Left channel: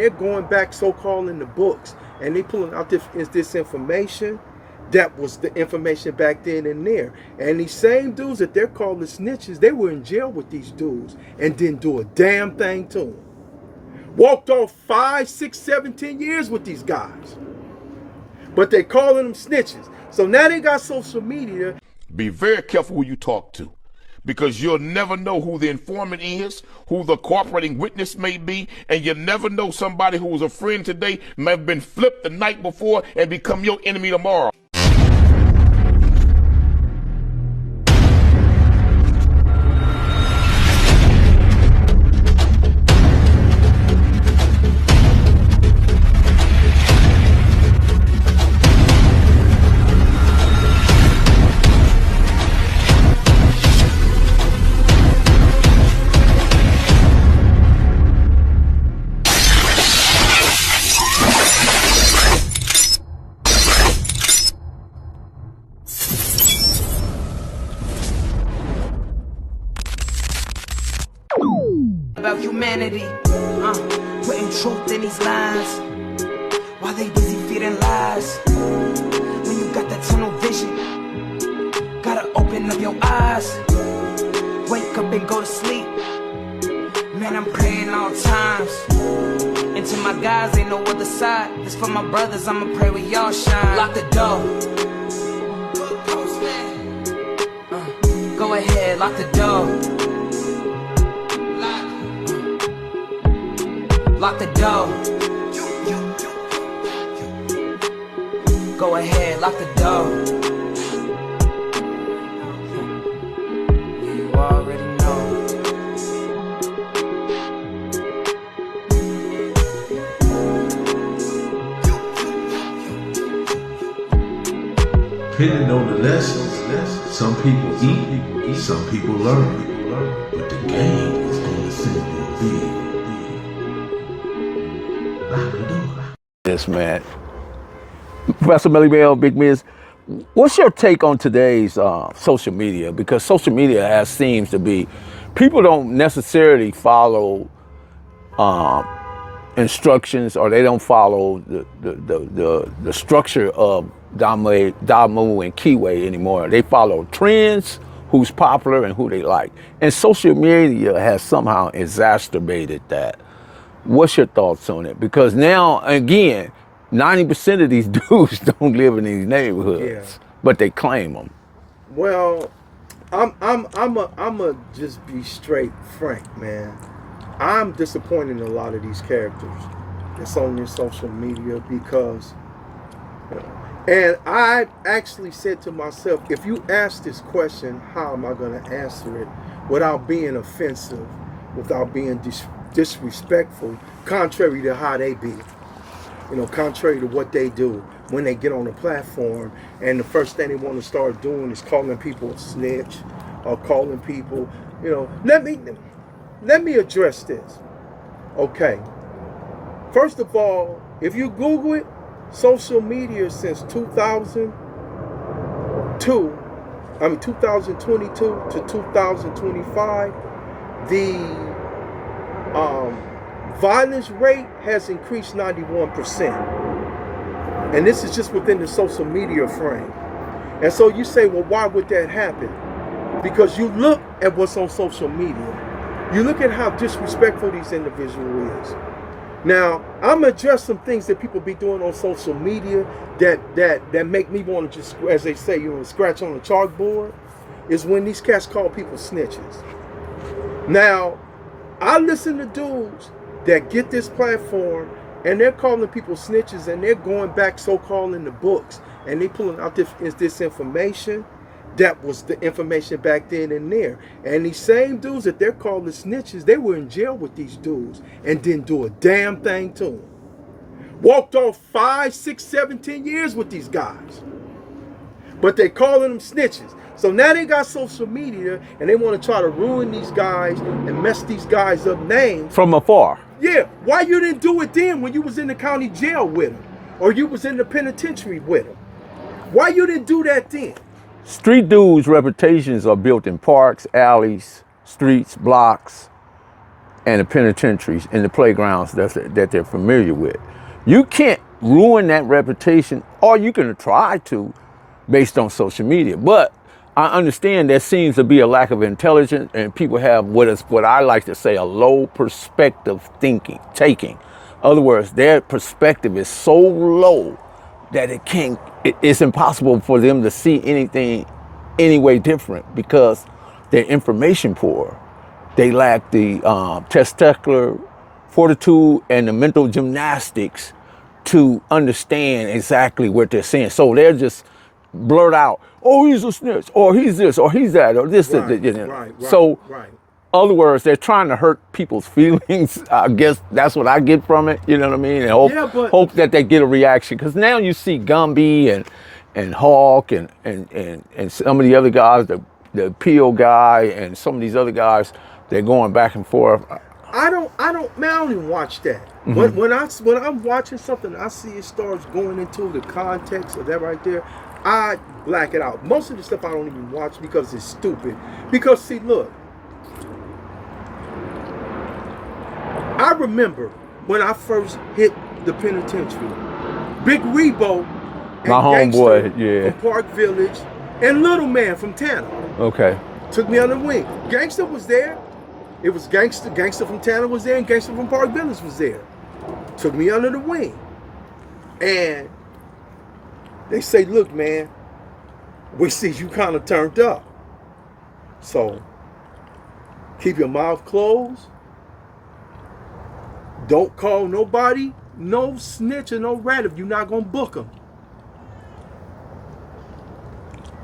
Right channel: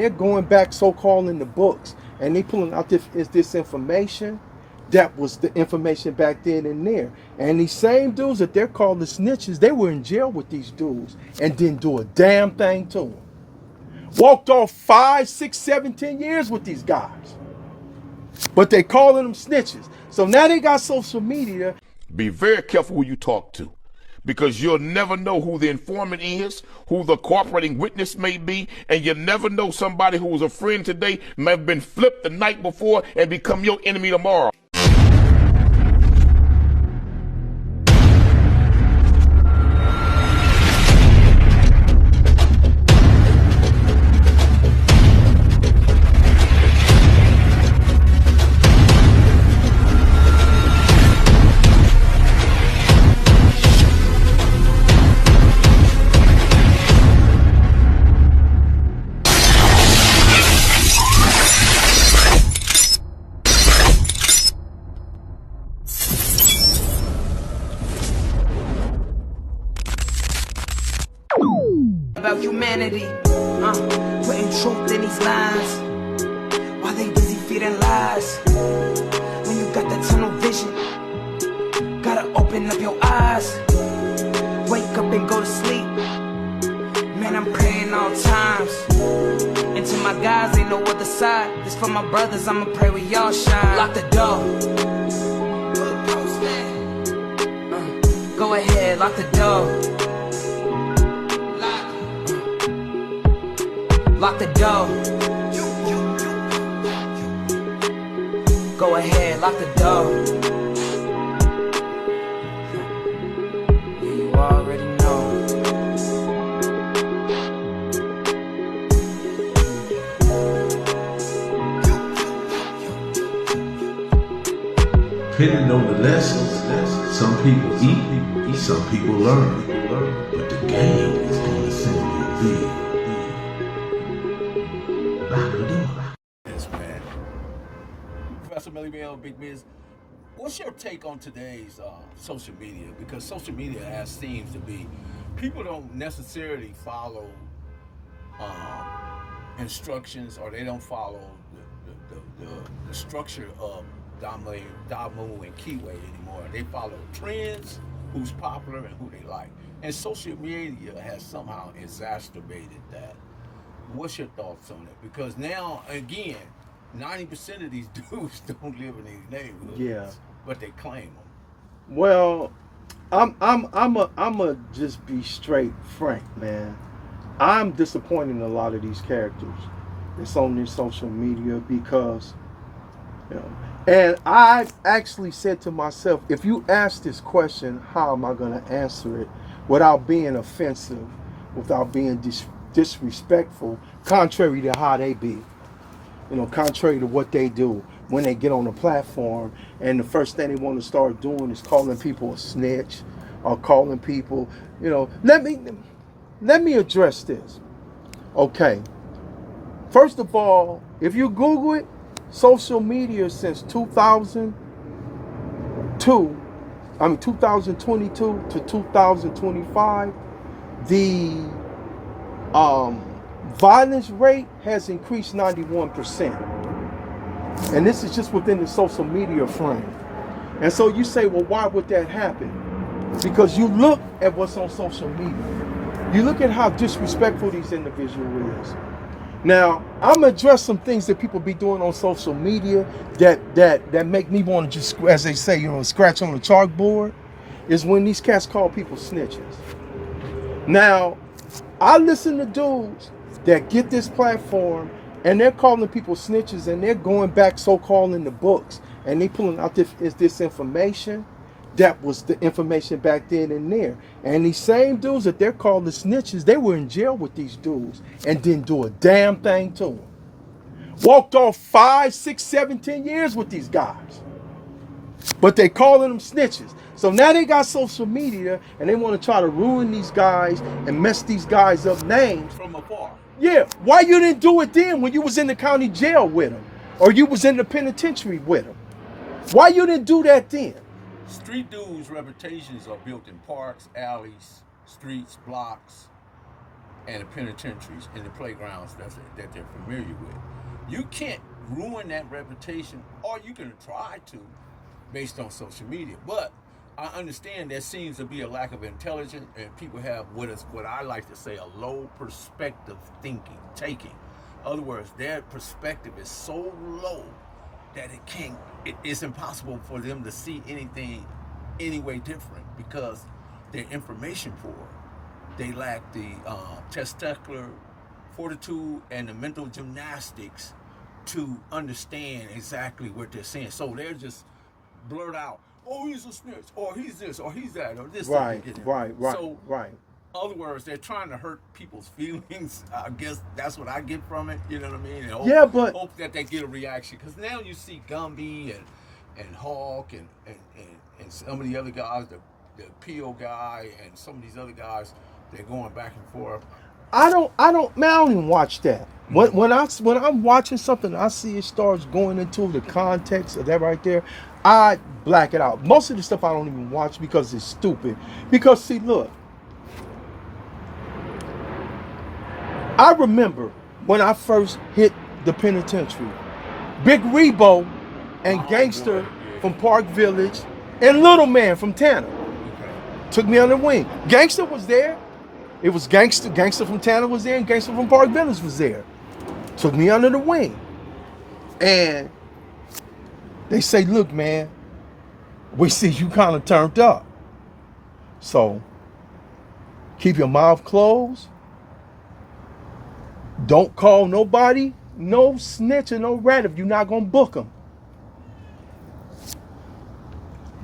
they're going back so-called in the books, and they pulling out this information. That was the information back then and there. And these same dudes that they're calling snitches, they were in jail with these dudes and didn't do a damn thing to them. Walked off 5, 6, 7, 10 years with these guys. But they calling them snitches. So now they got social media. Be very careful who you talk to, because you'll never know who the informant is, who the cooperating witness may be, and you never know somebody who was a friend today may have been flipped the night before and become your enemy tomorrow. About humanity, putting truth in these lies, while they busy feeding lies. When you got that tunnel vision, gotta open up your eyes. Wake up and go to sleep. Man, I'm praying all times. And to my guys, ain't no other side. This for my brothers, I'ma pray with y'all shine. Lock the door. Go ahead, lock the door. Lock the door. Go ahead, lock the door. Yeah, you already know. Depending on the lessons, some people eat, some people learn. But the game is gonna send you big. Yes, man. Professor Melly Bell, Big Mizz, what's your take on today's social media? Because social media seems to be, people don't necessarily follow instructions, or they don't follow the structure of Damu and Kiwi anymore. They follow trends, who's popular and who they like. And social media has somehow exacerbated that. What's your thoughts on it? Because now, again, 90% of these dudes don't live in these neighborhoods, but they claim them. Well, I'm just be straight frank, man. I'm disappointed in a lot of these characters that's on their social media because, and I actually said to myself, if you ask this question, how am I going to answer it without being offensive, without being disrespectful, contrary to how they be, contrary to what they do when they get on the platform, and the first thing they want to start doing is calling people a snitch or calling people, let me address this. Okay. First of all, if you Google it, social media since 2022 to 2025, the violence rate has increased 91%. And this is just within the social media frame. And so you say, well, why would that happen? Because you look at what's on social media. You look at how disrespectful these individuals is. Now, I'm going to address some things that people be doing on social media that make me want to just, as they say, scratch on the chalkboard, is when these cats call people snitches. Now, I listen to dudes that get this platform and they're calling people snitches, and they're going back so-called in the books, and they pulling out this information that was the information back then and there. And these same dudes that they're calling snitches, they were in jail with these dudes and didn't do a damn thing to them. Walked off 5, 6, 7, 10 years with these guys. But they calling them snitches. So now they got social media and they want to try to ruin these guys and mess these guys up names. From afar. Yeah. Why you didn't do it then when you was in the county jail with them? Or you was in the penitentiary with them? Why you didn't do that then? Street dudes' reputations are built in parks, alleys, streets, blocks. and the penitentiaries and the playgrounds that they're familiar with. You can't ruin that reputation, or you can try to based on social media. But I understand there seems to be a lack of intelligence, and people have what I like to say, a low perspective taking. In other words, their perspective is so low that it's impossible for them to see anything any way different because they're information poor. They lack the testicular fortitude and the mental gymnastics to understand exactly what they're saying. So they're just blurt out, oh, he's a snitch, or he's this, or he's that, or this, Right, you know. right, So, right. other words, they're trying to hurt people's feelings. I guess that's what I get from it. You know what I mean? And hope that they get a reaction. Because now you see Gumby and Hawk and some of the other guys, the Peel guy and some of these other guys, they're going back and forth. I don't even watch that. When I'm watching something, I see it starts going into the context of that right there, I black it out. Most of the stuff I don't even watch because it's stupid. Because see, look, I remember when I first hit the penitentiary, Big Rebo and My Gangster homeboy, yeah. from Park Village and Little Man from Tanner Okay. took me under the wing. Gangster was there. It was Gangster from Tanner was there, and Gangster from Park Village was there. Took me under the wing. And they say, look, man, we see you kind of turned up. So keep your mouth closed. Don't call nobody, no snitch or no rat if you're not going to book them.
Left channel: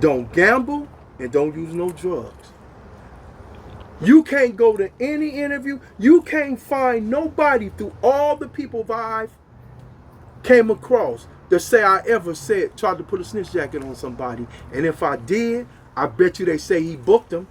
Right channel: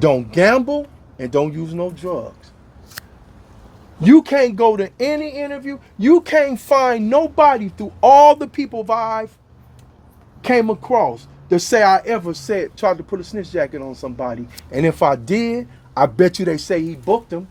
Don't gamble and don't use no drugs. You can't go to any interview. You can't find nobody through all the people I've came across to say I ever tried to put a snitch jacket on somebody. And if I did, I bet you they say he booked them.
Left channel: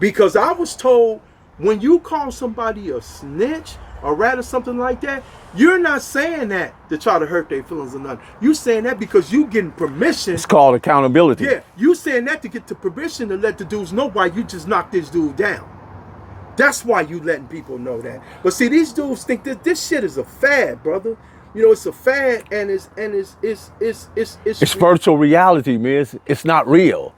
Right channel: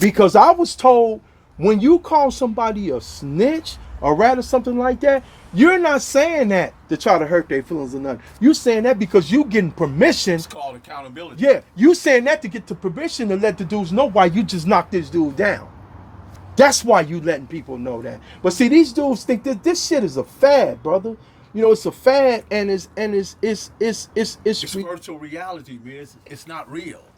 Because I was told when you call somebody a snitch or rat or something like that, you're not saying that to try to hurt their feelings or nothing. You saying that because you getting permission. It's called accountability. Yeah, you saying that to get the permission to let the dudes know why you just knocked this dude down. That's why you letting people know that. But see, these dudes think that this shit is a fad, brother. You know, it's a fad, and it's It's virtual reality, Mizz. It's not real.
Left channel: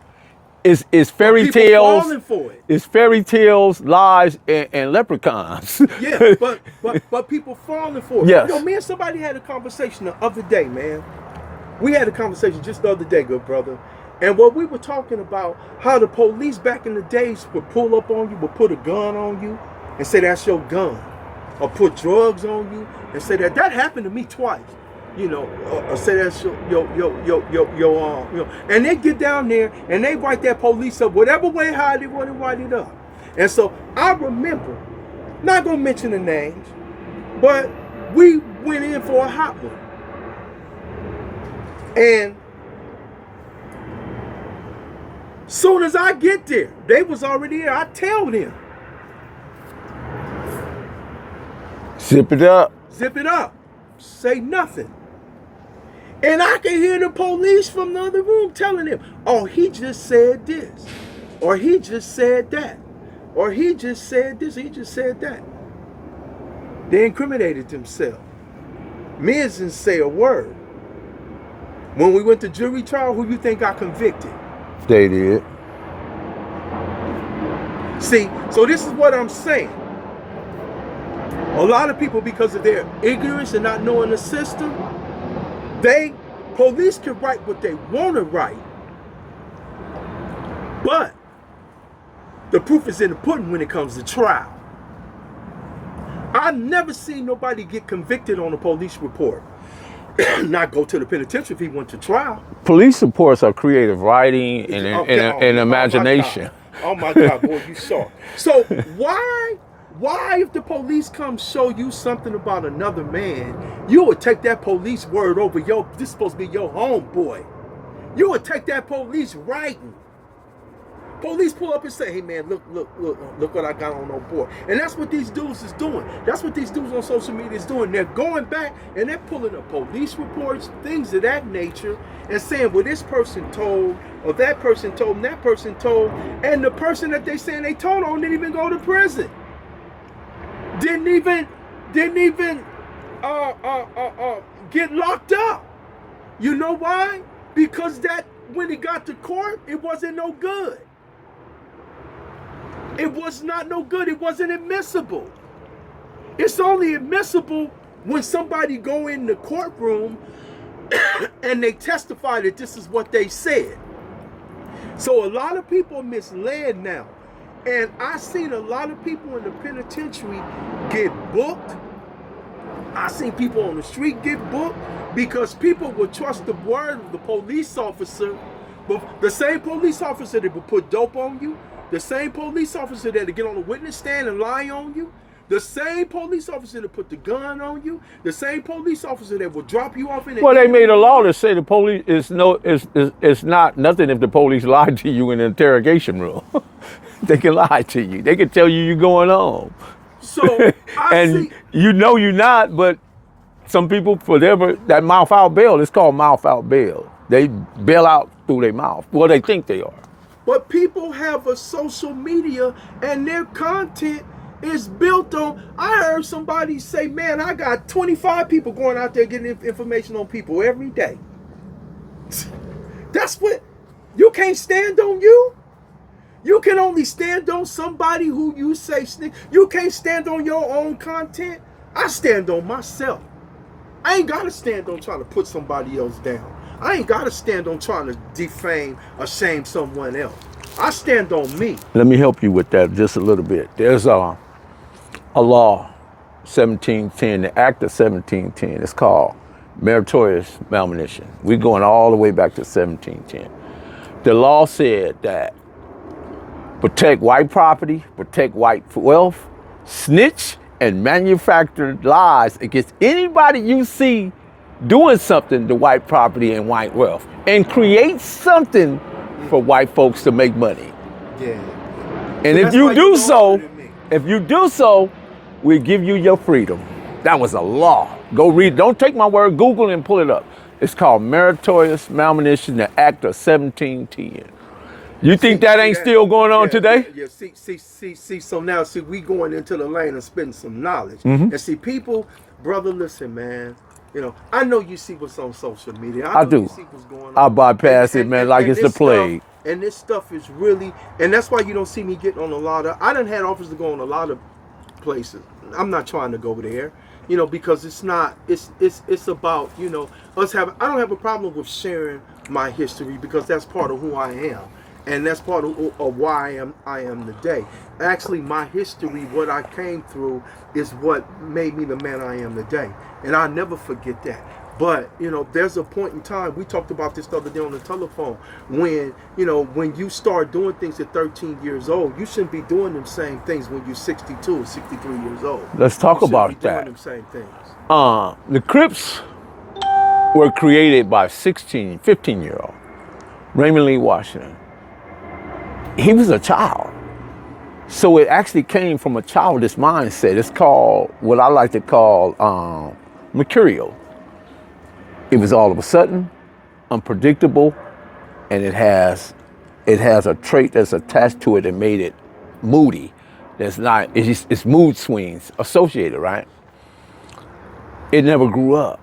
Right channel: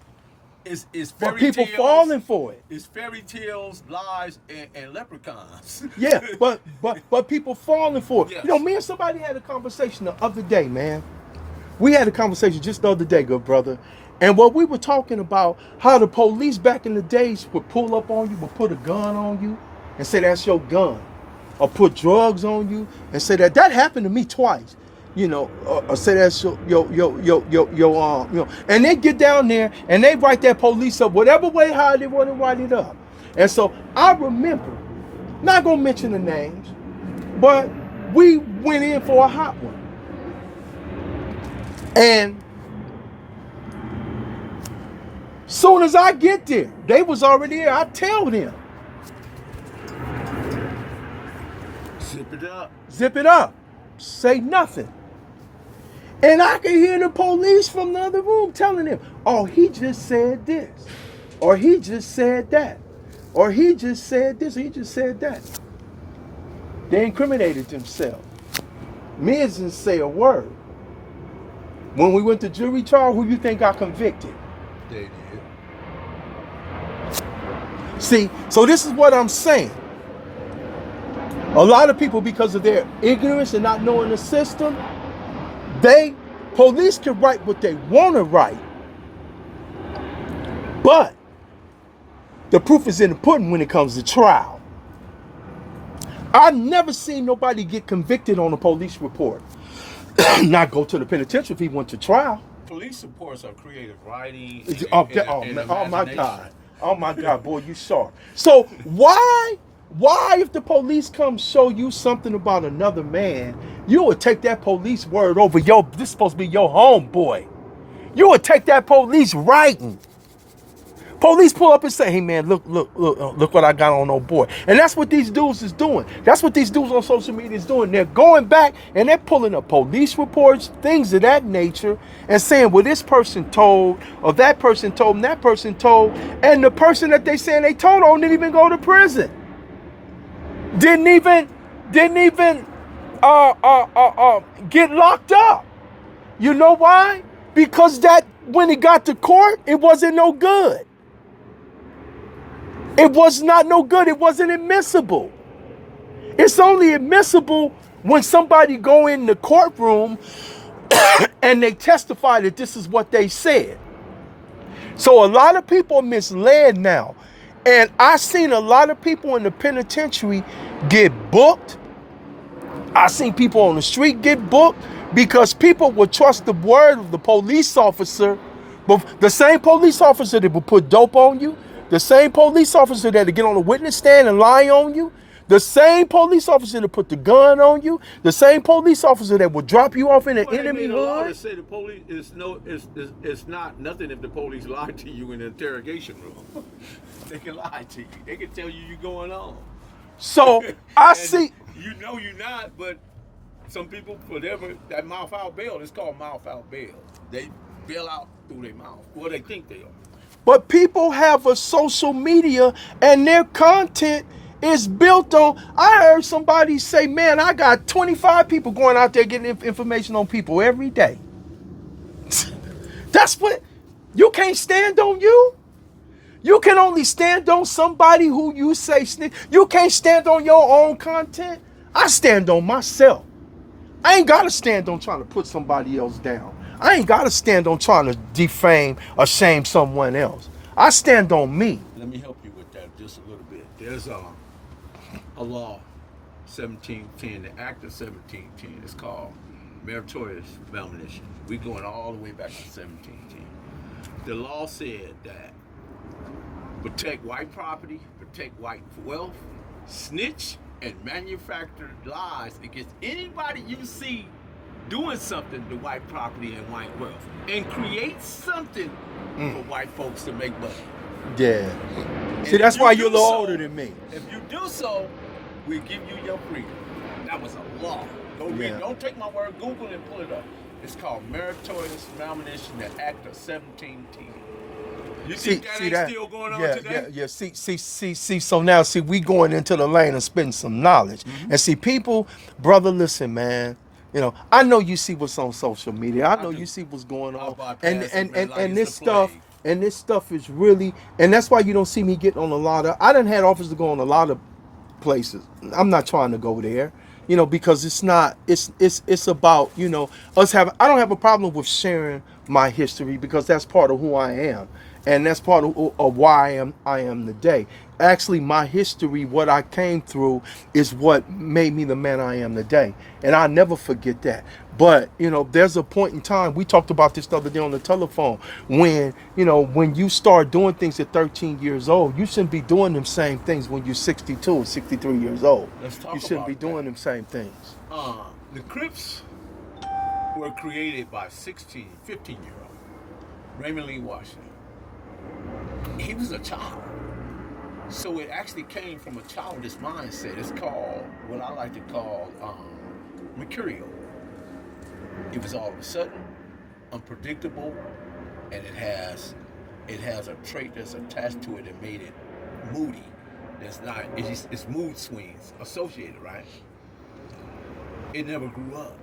It's fairy people tales. falling for it. It's fairy tales, lies, and leprechauns. Yeah, but people falling for it. Yes. Yo, me and somebody had a conversation the other day, man. We had a conversation just the other day, good brother. And what we were talking about, how the police back in the days would pull up on you, would put a gun on you and say that's your gun. Or put drugs on you and say that happened to me twice. You know, or say that's your and they get down there and they write that police up whatever way how they want to write it up. And so I remember, not gonna mention the names, but we went in for a hot one. And soon as I get there, they was already there. I tell them, Zip it up. zip it up, say nothing. And I can hear the police from the other room telling him, oh, he just said this, or he just said that, or he just said this, or he just said that. They incriminated themselves. Mizz didn't say a word. When we went to jury trial, who you think got convicted? They did. See, so this is what I'm saying. A lot of people, because of their ignorance and not knowing the system, police can write what they want to write. But the proof is in the pudding when it comes to trial. I've never seen nobody get convicted on a police report. Not go to the penitentiary if he went to trial. Police reports are creative writing and imagination. Oh my God, boy, you saw. So why if the police come show you something about another man, you would take that police word over this is supposed to be your homeboy. You would take that police writing. Police pull up and say, hey man, look what I got on old boy. And that's what these dudes is doing. That's what these dudes on social media is doing. They're going back and they're pulling up police reports, things of that nature, and saying, well, this person told, or that person told, and that person told, and the person that they saying they told on didn't even go to prison. didn't even get locked up. You know why? Because that when he got to court, it wasn't no good. It was not no good. It wasn't admissible. It's only admissible when somebody go in the courtroom and they testify that this is what they said. So a lot of people are misled now. And I've seen a lot of people in the penitentiary get booked. I've seen people on the street get booked because people would trust the word of the police officer. But the same police officer that would put dope on you, the same police officer that would get on the witness stand and lie on you, the same police officer that put the gun on you, the same police officer that would drop you off in an Well, they made a law line. to say the police is not nothing if the police lied to you in an interrogation room. They can lie to you. They can tell you you're going home. So I And see. you know you're not, but some people, for that mouth out bail, it's called mouth out bail. They bail out through their mouth. Well, they think they are. But people have a social media and their content is built on. I heard somebody say, man, I got 25 people going out there getting information on people every day. That's what, you can't stand on you. You can only stand on somebody who you say snitch. You can't stand on your own content. I stand on myself. I ain't gotta stand on trying to put somebody else down. I ain't gotta stand on trying to defame or shame someone else. I stand on me. Let me help you with that just a little bit. There's a law, 1710, the Act of 1710. It's called meritorious manumission. We're going all the way back to 1710. The law said that protect white property, protect white wealth, snitch and manufacture lies against anybody you see doing something to white property and white wealth, and create something for white folks to make money. Yeah. And See, if you do so, me. we give you your freedom. That was a law. Go read. Don't take my word. Google and pull it up. It's called meritorious manumission, the Act of 1710. You think that ain't still going on today? Yeah. See. So now, we going into the lane and spitting some knowledge. Mm-hmm. And see, people, brother, listen, man. You know, I know you see what's on social media. I know do. You see what's going on. I bypass it, man, like it's the plague. And this stuff is really, and that's why you don't see me getting on a lot of. I done had offers to go on a lot of places. I'm not trying to go there, you know, because it's not. It's about, you know, us having. I don't have a problem with sharing my history because that's part of who I am. And that's part of why I am today. Actually, my history, what I came through, is what made me the man I am today. And I'll never forget that. But, you know, there's a point in time, we talked about this the other day on the telephone, when, you know, when you start doing things at 13 years old, you shouldn't be doing them same things when you're 62 or 63 years old. Let's talk about You shouldn't be that. doing them same things. The Crips were created by 15-year-old Raymond Lee Washington. He was a child. So it actually came from a childish mindset. It's called, what I like to call, mercurial. It was all of a sudden, unpredictable, and it has a trait that's attached to it that made it moody. It's mood swings associated, right? It never grew up.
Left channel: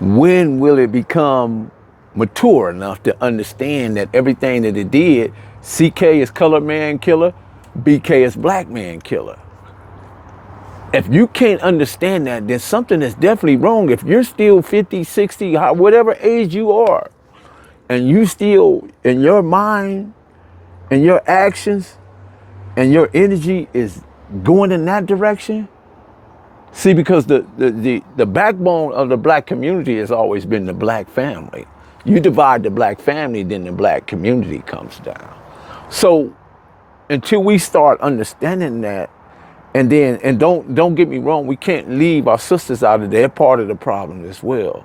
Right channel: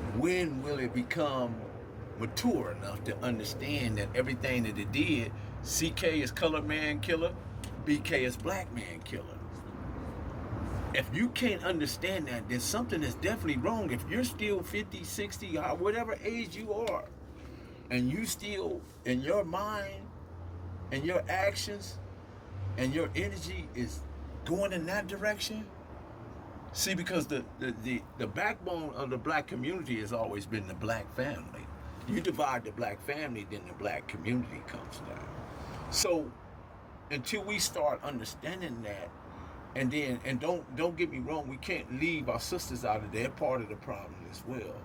When will it become mature enough to understand that everything that it did, CK is colored man killer, BK is black man killer? If you can't understand that, then something is definitely wrong. If you're still 50, 60, whatever age you are, and you still, in your mind, and your actions, and your energy is going in that direction, see, because the backbone of the black community has always been the black family. You divide the black family, then the black community comes down. So until we start understanding that, and don't get me wrong, we can't leave our sisters out of their part of the problem as well,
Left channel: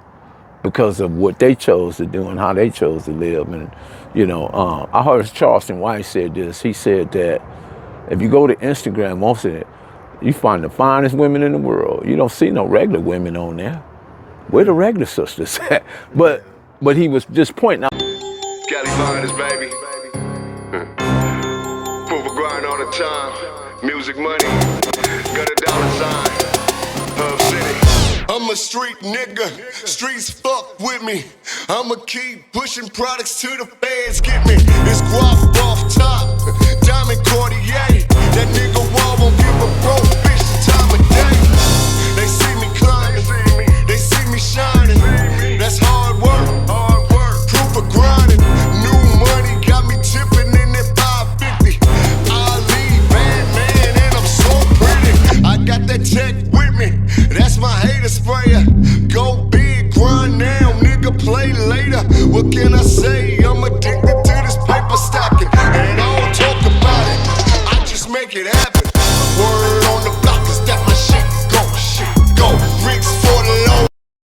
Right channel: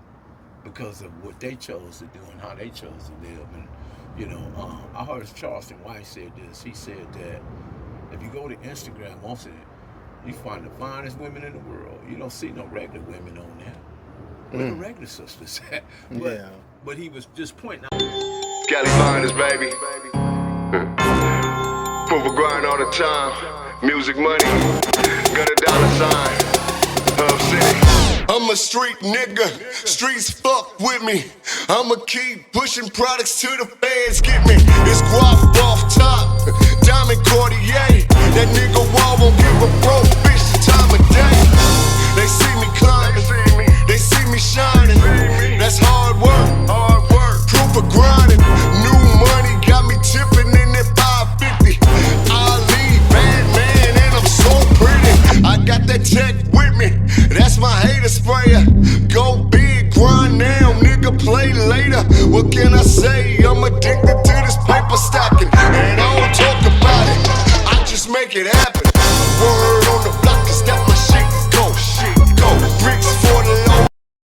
because of what they chose to do and how they chose to live. And you know, I heard Charleston White said this. He said that if you go to Instagram, most of it, you find the finest women in the world. You don't see no regular women on there. Where the regular sisters at? But he was just pointing out. Cali finest, baby. Proof of grind all the time. Music money, got a dollar sign, Hub City. I'm a street nigga, streets fuck with me. I'ma keep pushing products till the feds get me. It's guap off top, diamond Cartier. That nigga Wall won't give a broke bitch the time of day. They see me climbing, they see me shining. That's hard work, proof of grinding. New money got me tipping in that 550. Ali, bad man, and I'm so pretty. I got that tech with me, that's my hater sprayer. Go big, grind now, nigga, play later. What can I say?